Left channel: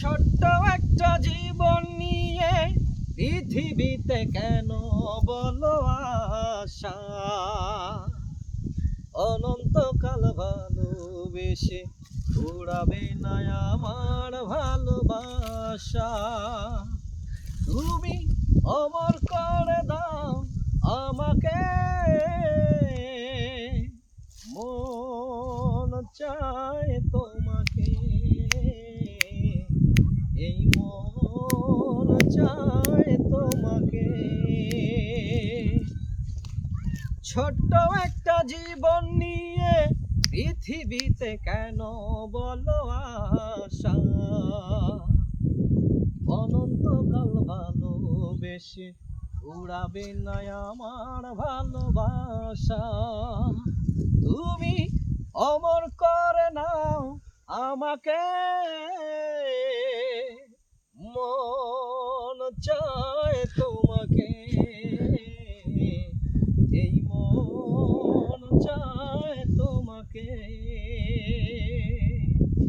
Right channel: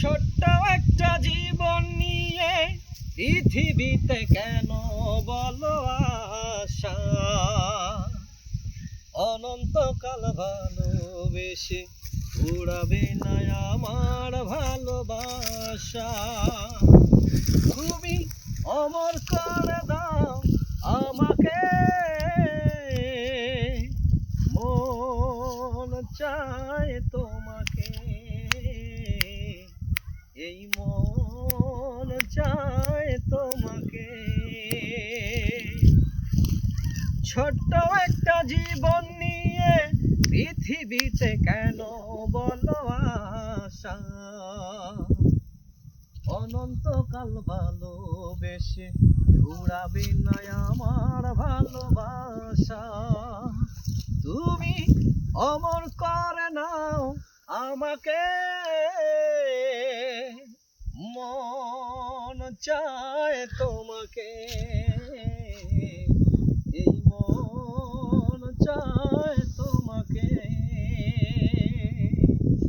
ছোট্ট একটা জীবন নিয়ে পৃথিবীতে কেন বলো আশা? অনন্তকাল ভালোবেসে উড়াবে না আমার ভালোবাসা। তুমি অমর করে দাও আমাকে, মন চায় তোমাকে, এই মন চায় তোমাকে। ছোট্ট একটা জীবন নিয়ে পৃথিবীতে কেন বলো আশা? অনন্তকাল ভালোবেসে উড়াবে না আমার ভালোবাসা। তুমি অমর করে নাও আমাকে, মন চায় তোমাকে।